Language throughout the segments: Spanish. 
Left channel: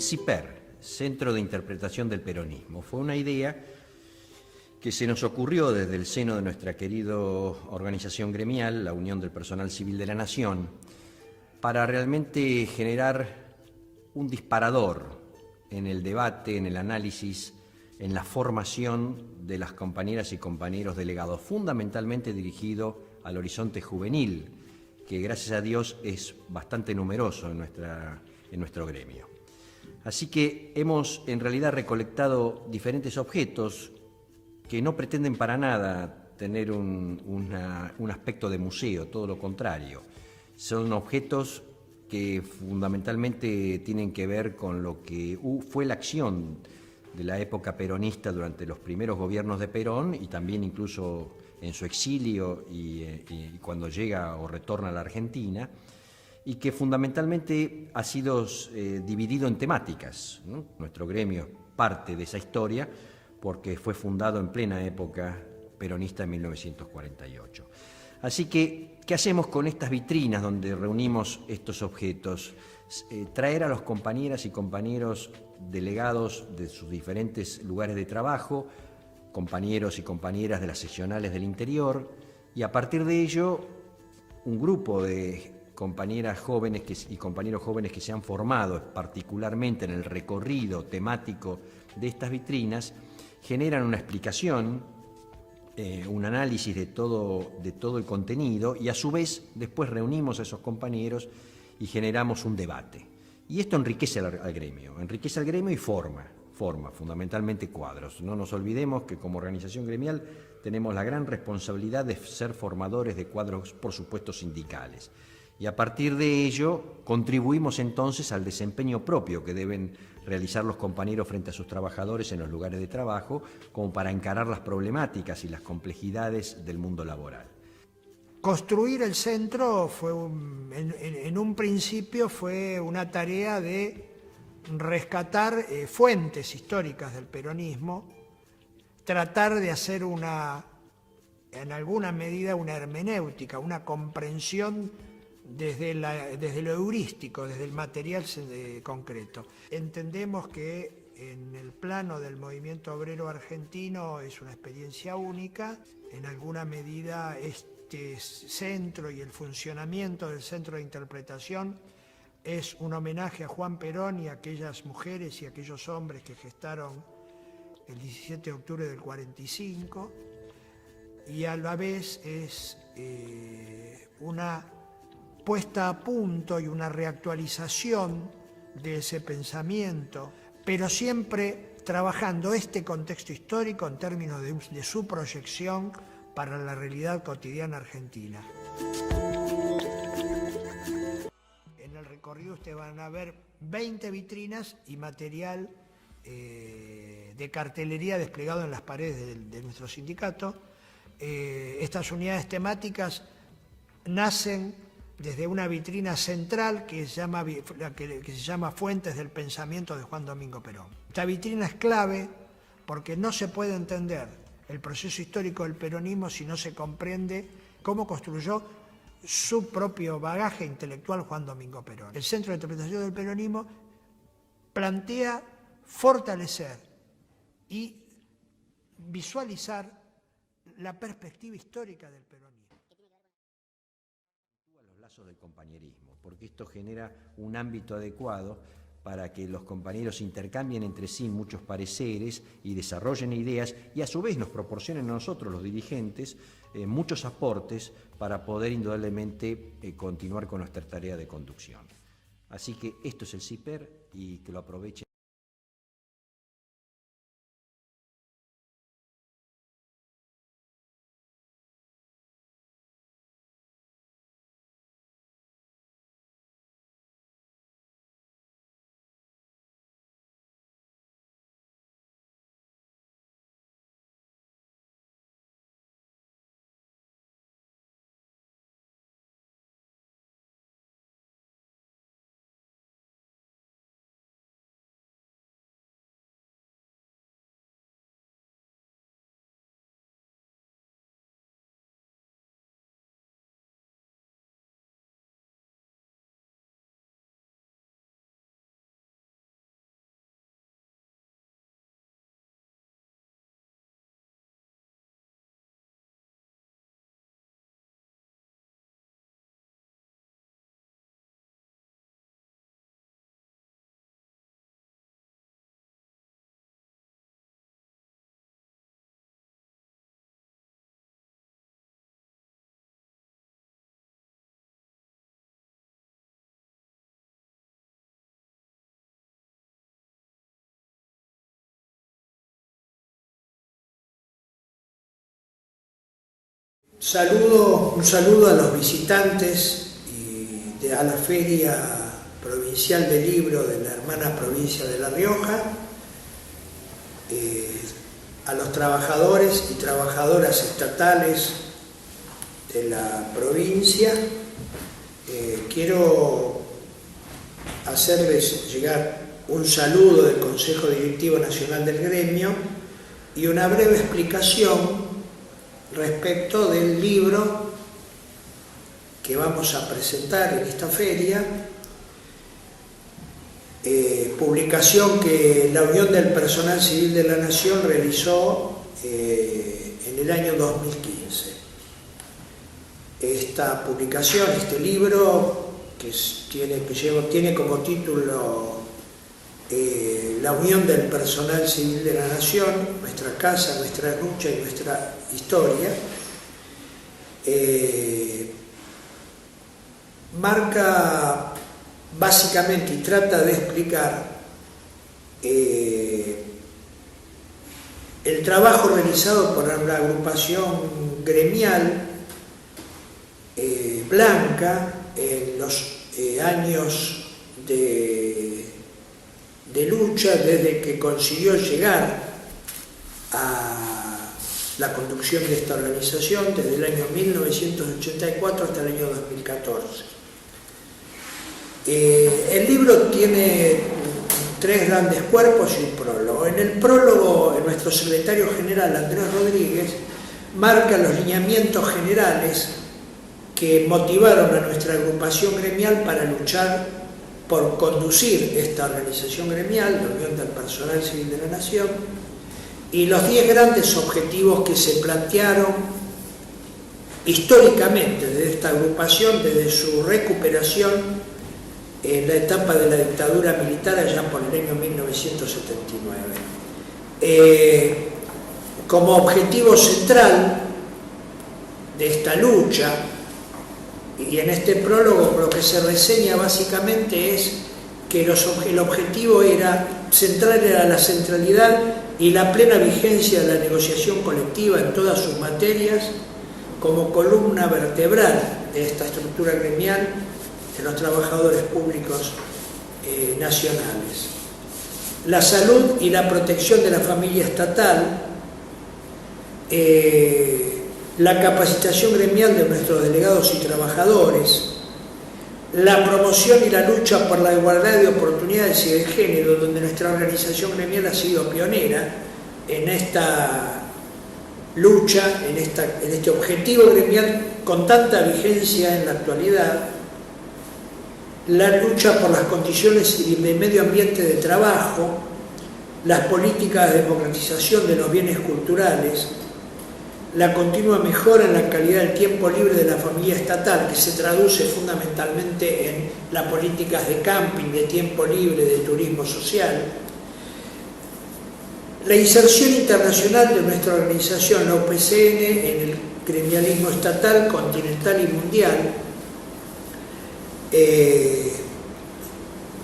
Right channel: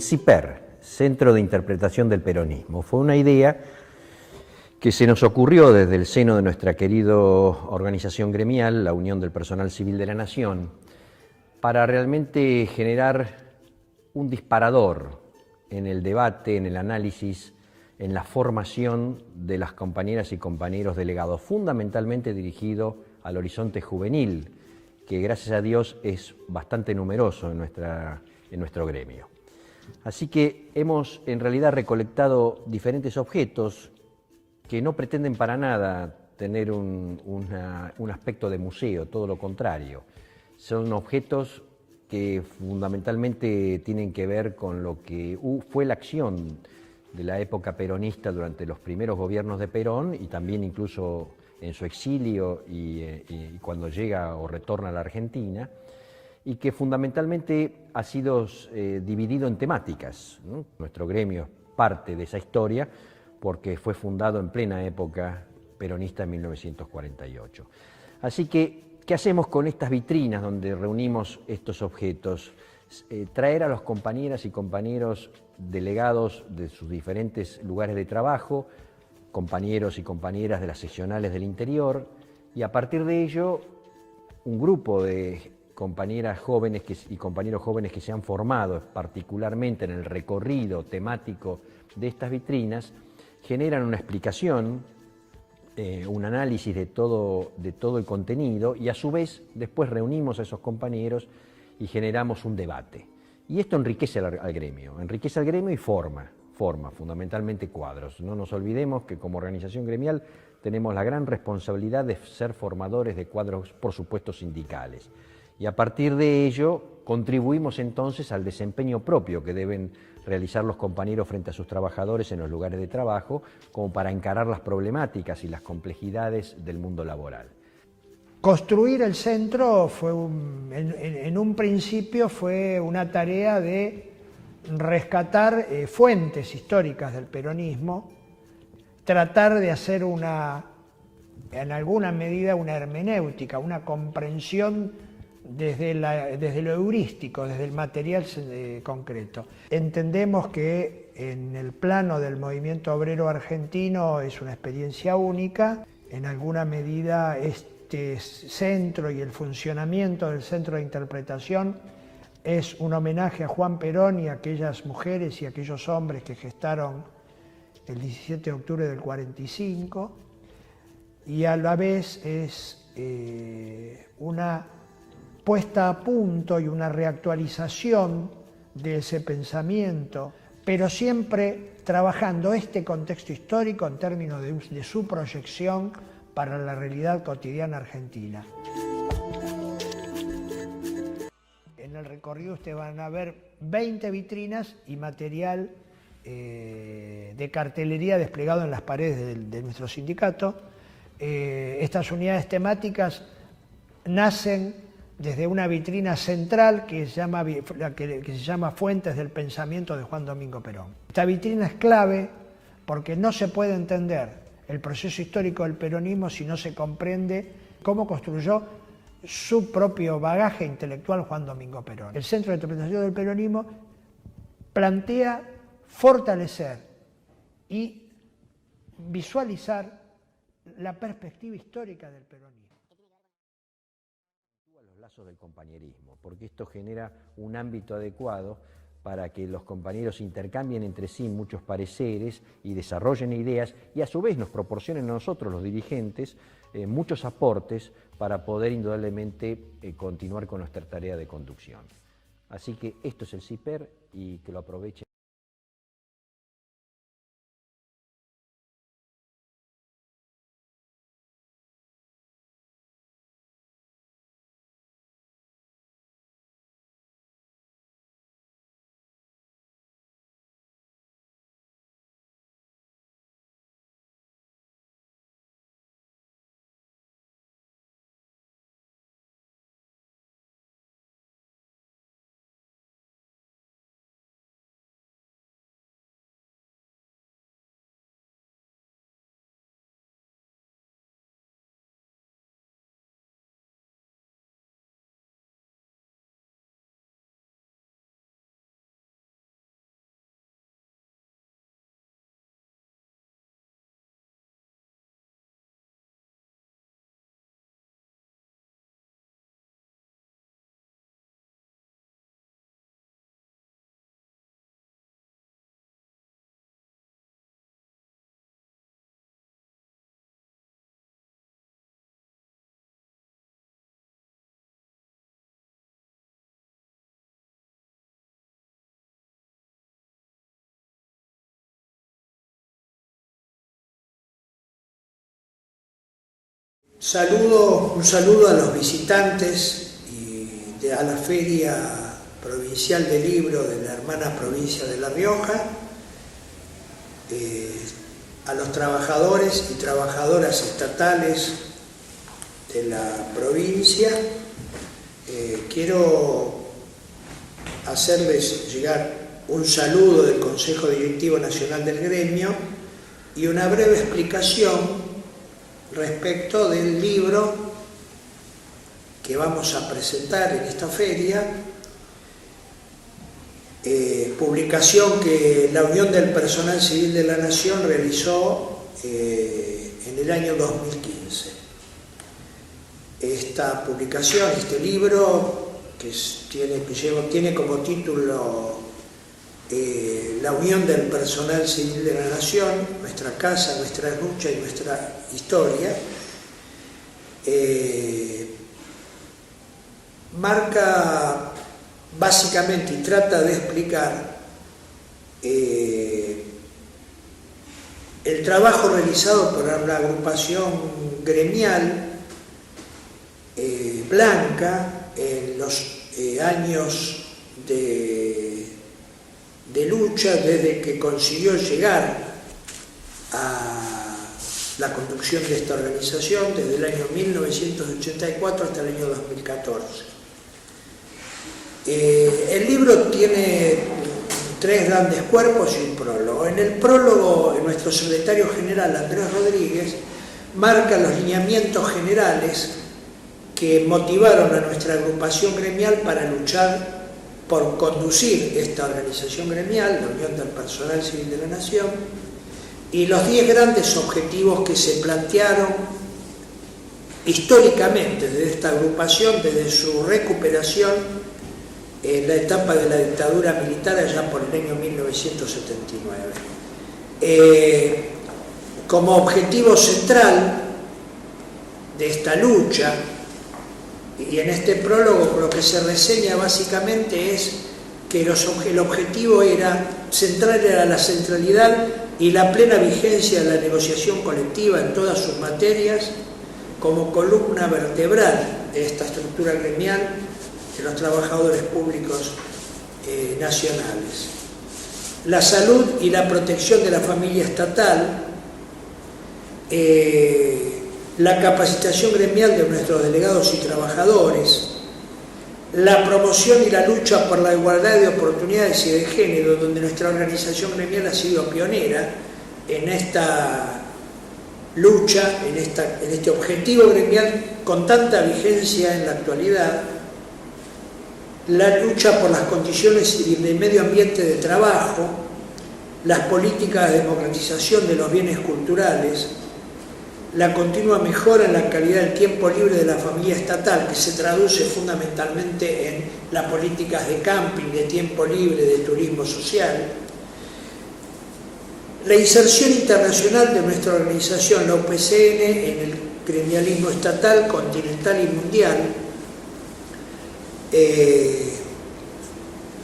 el CIPER, Centro de Interpretación del Peronismo. Fue una idea que se nos ocurrió desde el seno de nuestra querida organización gremial, la Unión del Personal Civil de la Nación, para realmente generar un disparador en el debate, en el análisis, en la formación de las compañeras y compañeros delegados, fundamentalmente dirigido al horizonte juvenil, que gracias a Dios es bastante numeroso en nuestro gremio. Así que hemos en realidad recolectado diferentes objetos que no pretenden para nada tener un aspecto de museo, todo lo contrario. Son objetos que fundamentalmente tienen que ver con lo que fue la acción de la época peronista durante los primeros gobiernos de Perón y también incluso en su exilio y cuando llega o retorna a la Argentina, y que fundamentalmente ha sido dividido en temáticas, ¿no? Nuestro gremio es parte de esa historia porque fue fundado en plena época peronista en 1948. Así que, ¿qué hacemos con estas vitrinas donde reunimos estos objetos? Traer a los compañeras y compañeros delegados de sus diferentes lugares de trabajo, compañeros y compañeras de las seccionales del interior, y a partir de ello, un grupo de compañeras jóvenes y compañeros jóvenes que se han formado particularmente en el recorrido temático de estas vitrinas, generan una explicación, un análisis de todo el contenido y a su vez después reunimos a esos compañeros y generamos un debate. Y esto enriquece al gremio y forma fundamentalmente cuadros. No nos olvidemos que como organización gremial tenemos la gran responsabilidad de ser formadores de cuadros, por supuesto, sindicales. Y a partir de ello contribuimos entonces al desempeño propio que deben realizar los compañeros frente a sus trabajadores en los lugares de trabajo, como para encarar las problemáticas y las complejidades del mundo laboral. Construir el centro en un principio fue una tarea de rescatar fuentes históricas del peronismo, tratar de hacer en alguna medida una hermenéutica, una comprensión desde lo heurístico, desde el material concreto. Entendemos que en el plano del movimiento obrero argentino es una experiencia única. En alguna medida este centro y el funcionamiento del centro de interpretación es un homenaje a Juan Perón y a aquellas mujeres y aquellos hombres que gestaron el 17 de octubre del 45, y a la vez es una puesta a punto y una reactualización de ese pensamiento, pero siempre trabajando este contexto histórico en términos de su proyección para la realidad cotidiana argentina. En el recorrido ustedes van a ver 20 vitrinas y material de cartelería desplegado en las paredes de nuestro sindicato. Estas unidades temáticas nacen desde una vitrina central que se llama Fuentes del Pensamiento de Juan Domingo Perón. Esta vitrina es clave porque no se puede entender el proceso histórico del peronismo si no se comprende cómo construyó su propio bagaje intelectual Juan Domingo Perón. El Centro de Interpretación del Peronismo plantea fortalecer y visualizar la perspectiva histórica del peronismo. Los lazos del compañerismo, porque esto genera un ámbito adecuado para que los compañeros intercambien entre sí muchos pareceres y desarrollen ideas y a su vez nos proporcionen a nosotros, los dirigentes, muchos aportes para poder indudablemente continuar con nuestra tarea de conducción. Así que esto es el CIPER y que lo aprovechen. Un saludo a los visitantes a la Feria Provincial del Libro de la hermana provincia de La Rioja, a los trabajadores y trabajadoras estatales de la provincia. Quiero hacerles llegar un saludo del Consejo Directivo Nacional del Gremio y una breve explicación respecto del libro que vamos a presentar en esta feria, publicación que la Unión del Personal Civil de la Nación realizó en el año 2015. Esta publicación, este libro, que tiene como título La Unión del Personal Civil de la Nación, nuestra casa, nuestra lucha y nuestra historia, marca básicamente y trata de explicar el trabajo realizado por una agrupación gremial blanca en los años de lucha, desde que consiguió llegar a la conducción de esta organización, desde el año 1984 hasta el año 2014. El libro tiene 3 grandes cuerpos y un prólogo. En el prólogo, nuestro secretario general, Andrés Rodríguez, marca los lineamientos generales que motivaron a nuestra agrupación gremial para luchar por conducir esta organización gremial, la Unión del Personal Civil de la Nación, y los 10 grandes objetivos que se plantearon históricamente desde esta agrupación, desde su recuperación en la etapa de la dictadura militar allá por el año 1979. Como objetivo central de esta lucha, y en este prólogo lo que se reseña básicamente es que el objetivo central era la centralidad y la plena vigencia de la negociación colectiva en todas sus materias como columna vertebral de esta estructura gremial de los trabajadores públicos nacionales. La salud y la protección de la familia estatal, la capacitación gremial de nuestros delegados y trabajadores, la promoción y la lucha por la igualdad de oportunidades y de género, donde nuestra organización gremial ha sido pionera en esta lucha, en este objetivo gremial con tanta vigencia en la actualidad, la lucha por las condiciones de medio ambiente de trabajo, las políticas de democratización de los bienes culturales, la continua mejora en la calidad del tiempo libre de la familia estatal, que se traduce fundamentalmente en las políticas de camping, de tiempo libre, de turismo social, la inserción internacional de nuestra organización, la UPCN, en el gremialismo estatal, continental y mundial,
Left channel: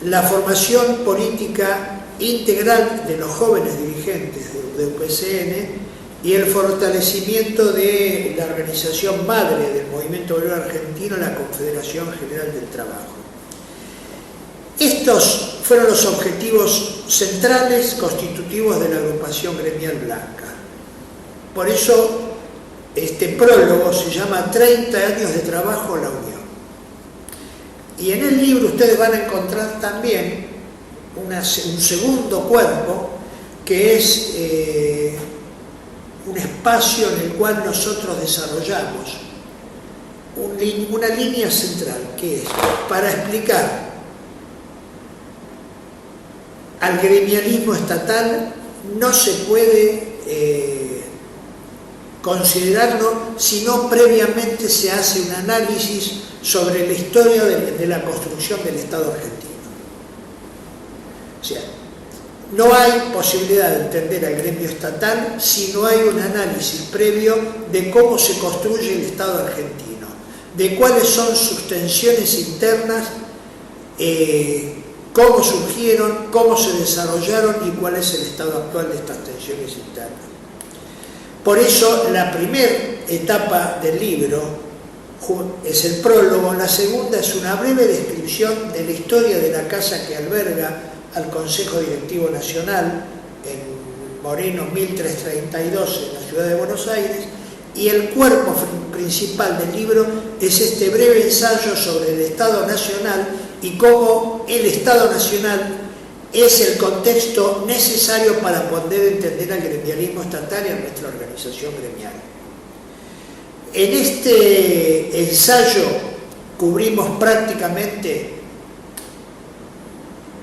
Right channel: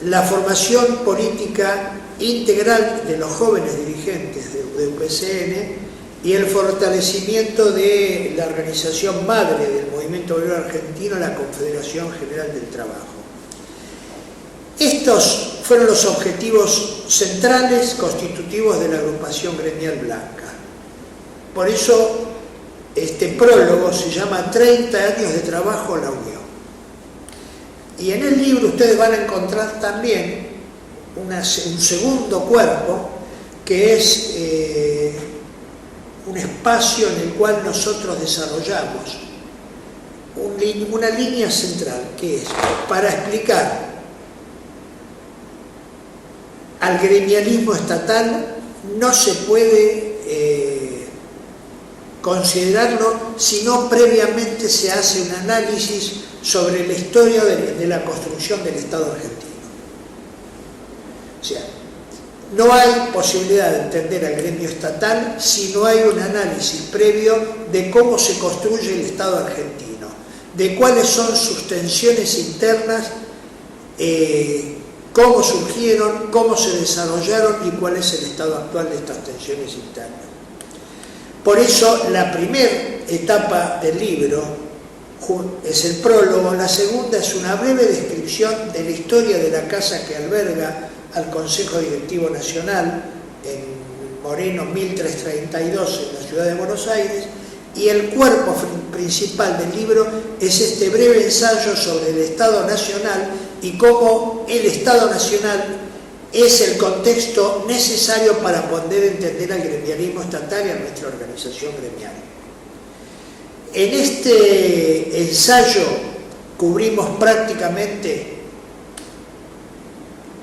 la formación política integral de los jóvenes dirigentes de UPCN y el fortalecimiento de la organización madre del movimiento obrero argentino, la Confederación General del Trabajo. Estos fueron los objetivos centrales constitutivos de la agrupación gremial blanca. Por eso este prólogo se llama 30 años de trabajo a la Unión. Y en el libro ustedes van a encontrar también un segundo cuerpo que es un espacio en el cual nosotros desarrollamos una línea central, que es para explicar al gremialismo estatal no se puede considerarlo si no previamente se hace un análisis sobre la historia de la construcción del Estado argentino. O sea, no hay posibilidad de entender al gremio estatal si no hay un análisis previo de cómo se construye el Estado argentino, de cuáles son sus tensiones internas, cómo surgieron, cómo se desarrollaron y cuál es el estado actual de estas tensiones internas. Por eso la primera etapa del libro es el prólogo, la segunda es una breve descripción de la historia de la casa que alberga al Consejo Directivo Nacional en Moreno 1332 en la ciudad de Buenos Aires, y el cuerpo principal del libro es este breve ensayo sobre el Estado Nacional y cómo el Estado Nacional es el contexto necesario para poder entender al gremialismo estatal y a nuestra organización gremial. En este ensayo cubrimos prácticamente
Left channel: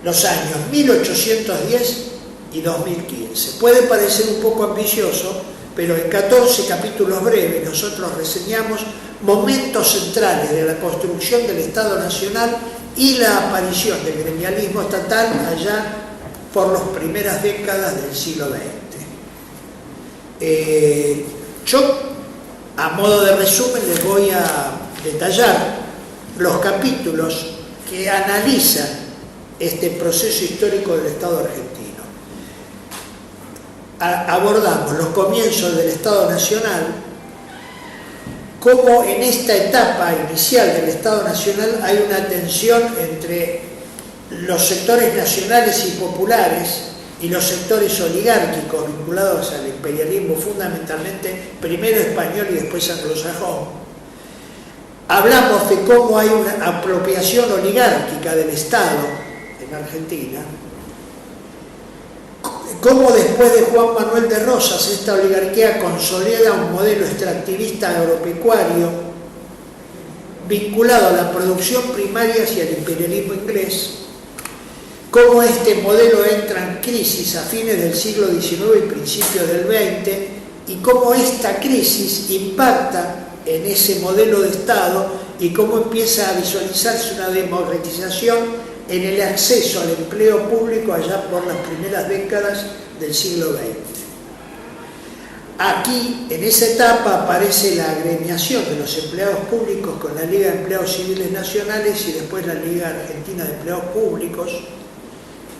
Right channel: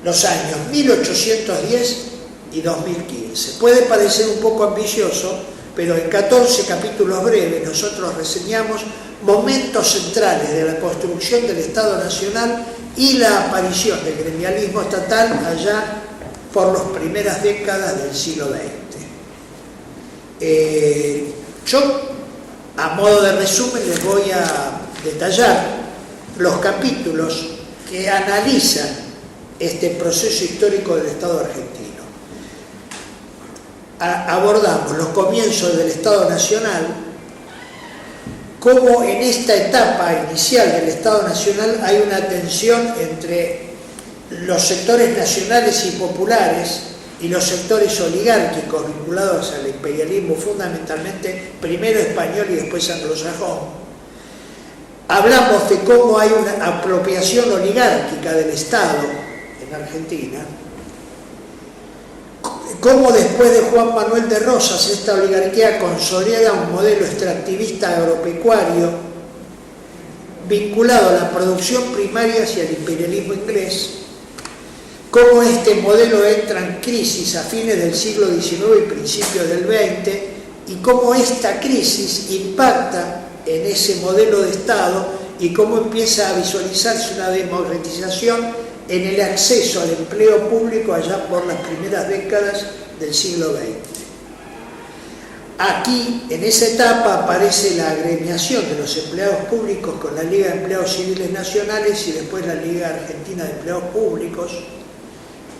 los años 1810 y 2015. Puede parecer un poco ambicioso, pero en 14 capítulos breves nosotros reseñamos momentos centrales de la construcción del Estado Nacional y la aparición del gremialismo estatal allá por las primeras décadas del siglo XX. Yo, a modo de resumen, les voy a detallar los capítulos que analizan este proceso histórico del Estado argentino. Abordamos los comienzos del Estado Nacional, cómo en esta etapa inicial del Estado Nacional hay una tensión entre los sectores nacionales y populares y los sectores oligárquicos vinculados al imperialismo, fundamentalmente primero español y después anglosajón. Hablamos de cómo hay una apropiación oligárquica del Estado en Argentina, cómo después de Juan Manuel de Rosas esta oligarquía consolida un modelo extractivista agropecuario vinculado a la producción primaria hacia el imperialismo inglés, cómo este modelo entra en crisis a fines del siglo XIX y principios del XX, y cómo esta crisis impacta en ese modelo de Estado y cómo empieza a visualizarse una democratización en el acceso al empleo público allá por las primeras décadas del siglo XX. Aquí, en esa etapa, aparece la agremiación de los empleados públicos con la Liga de Empleados Civiles Nacionales y después la Liga Argentina de Empleados Públicos,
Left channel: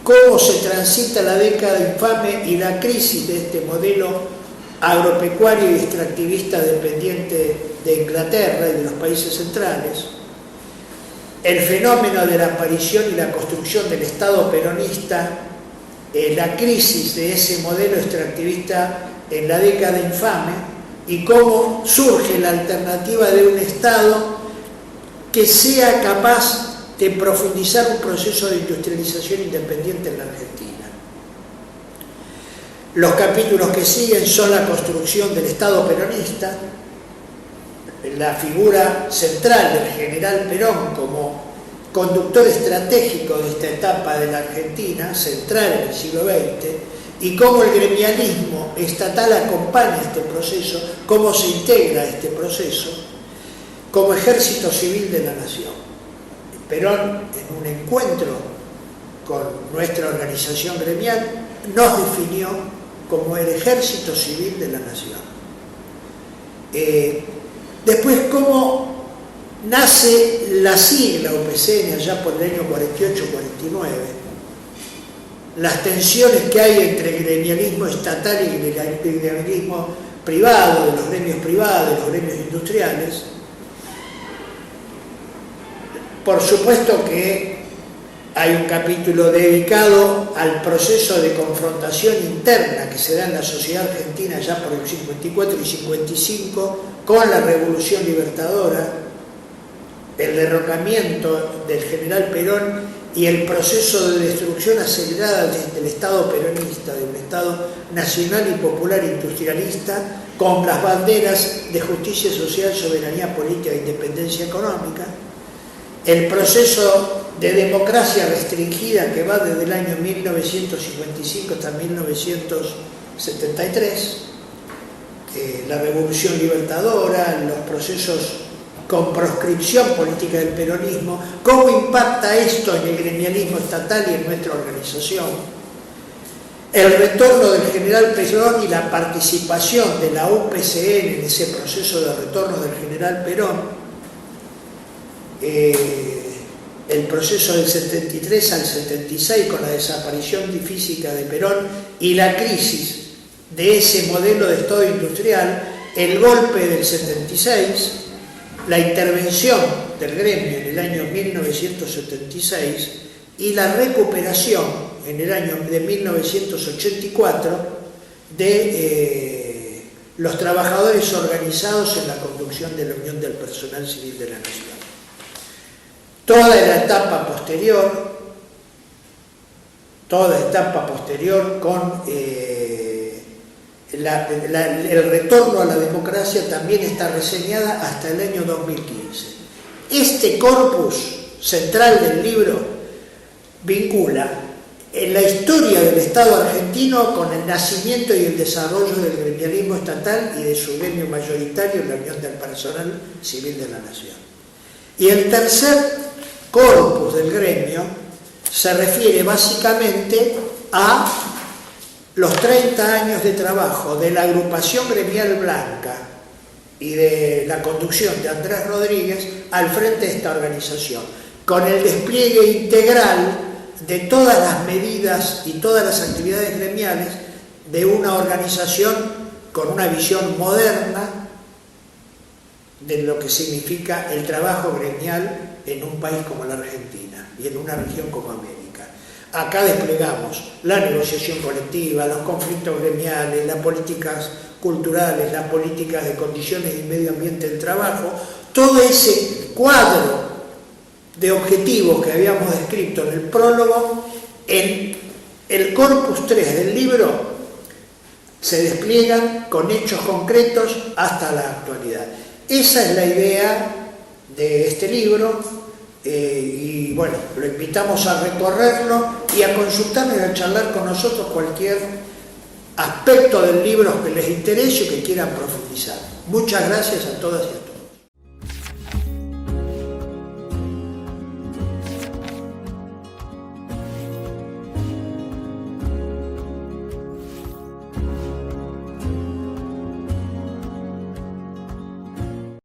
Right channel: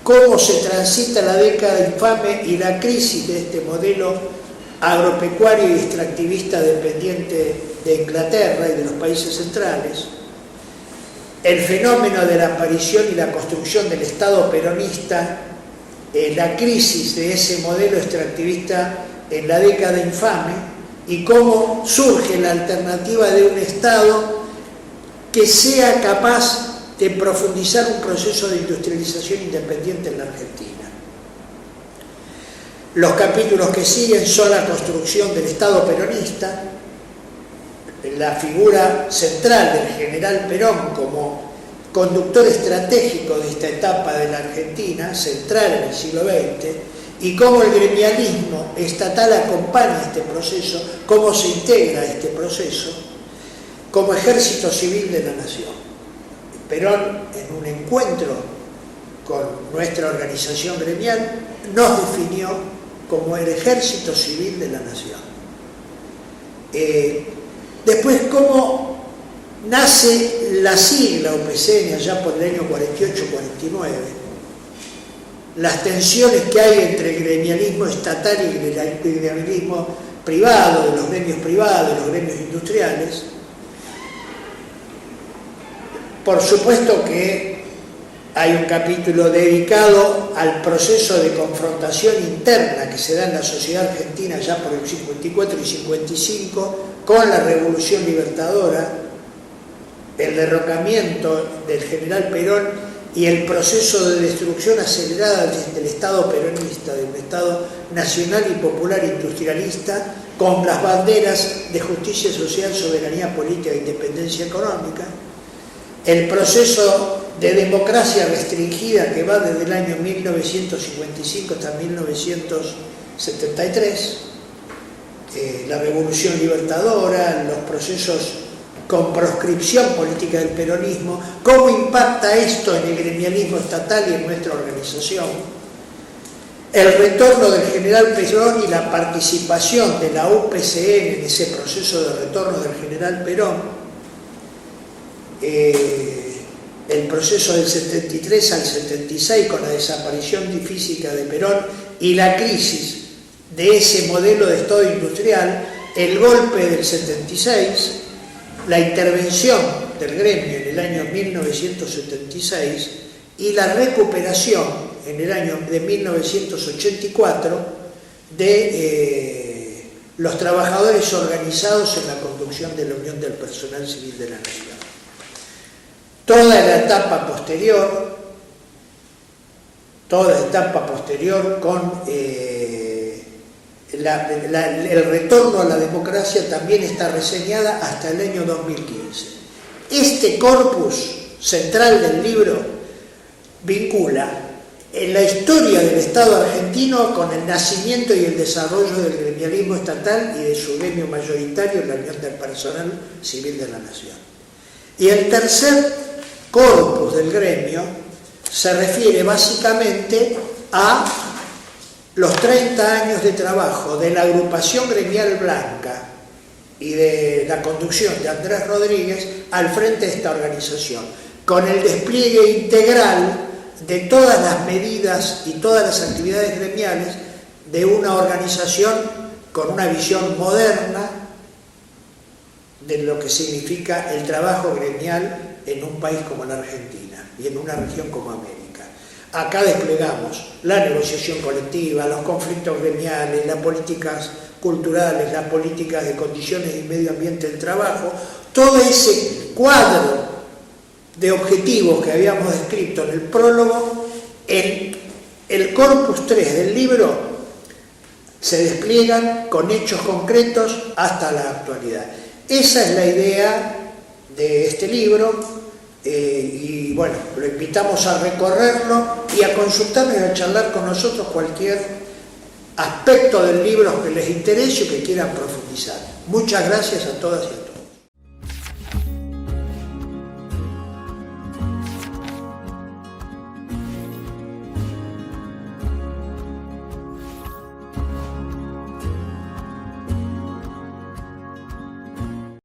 cómo se transita la década infame y la crisis de este modelo agropecuario y extractivista dependiente de Inglaterra y de los países centrales, el fenómeno de la aparición y la construcción del Estado peronista, la crisis de ese modelo extractivista en la década infame, y cómo surge la alternativa de un Estado que sea capaz de profundizar un proceso de industrialización independiente en la Argentina. Los capítulos que siguen son la construcción del Estado peronista, la figura central del general Perón como conductor estratégico de esta etapa de la Argentina, central en el siglo XX, y cómo el gremialismo estatal acompaña este proceso, cómo se integra a este proceso como ejército civil de la nación. Perón, en un encuentro con nuestra organización gremial, nos definió como el ejército civil de la nación. Después, cómo nace la sigla UPCN allá por el año 48-49, las tensiones que hay entre el gremialismo estatal y el gremialismo privado, de los gremios privados, de los gremios industriales. Por supuesto que hay un capítulo dedicado al proceso de confrontación interna que se da en la sociedad argentina ya por el 54 y 55 con la Revolución Libertadora, el derrocamiento del general Perón y el proceso de destrucción acelerada del Estado peronista, de un Estado nacional y popular industrialista con las banderas de justicia social, soberanía política e independencia económica, el proceso de democracia restringida que va desde el año 1955 hasta 1973, la Revolución Libertadora, los procesos con proscripción política del peronismo, cómo impacta esto en el gremialismo estatal y en nuestra organización, el retorno del general Perón y la participación de la UPCN en ese proceso de retorno del general Perón, el proceso del 73 al 76 con la desaparición física de Perón y la crisis de ese modelo de Estado industrial, el golpe del 76, la intervención del gremio en el año 1976 y la recuperación en el año de 1984 de los trabajadores organizados en la conducción de la Unión del Personal Civil de la Nación. Toda la etapa posterior con el retorno a la democracia también está reseñada hasta el año 2015. Este corpus central del libro vincula en la historia del Estado argentino con el nacimiento y el desarrollo del gremialismo estatal y de su gremio mayoritario, la Unión del Personal Civil de la Nación. Y el tercer corpus del gremio se refiere básicamente a los 30 años de trabajo de la agrupación gremial blanca y de la conducción de Andrés Rodríguez al frente de esta organización, con el despliegue integral de todas las medidas y todas las actividades gremiales de una organización con una visión moderna de lo que significa el trabajo gremial en un país como la Argentina y en una región como América. Acá desplegamos la negociación colectiva, los conflictos gremiales, las políticas culturales, las políticas de condiciones y medio ambiente del trabajo, todo ese cuadro de objetivos que habíamos descrito en el prólogo, en el corpus 3 del libro se despliegan con hechos concretos hasta la actualidad. Esa es la idea de este libro. Y bueno, lo invitamos a recorrerlo y a consultarnos y a charlar con nosotros cualquier aspecto del libro que les interese o que quieran profundizar. Muchas gracias a todas y a todos.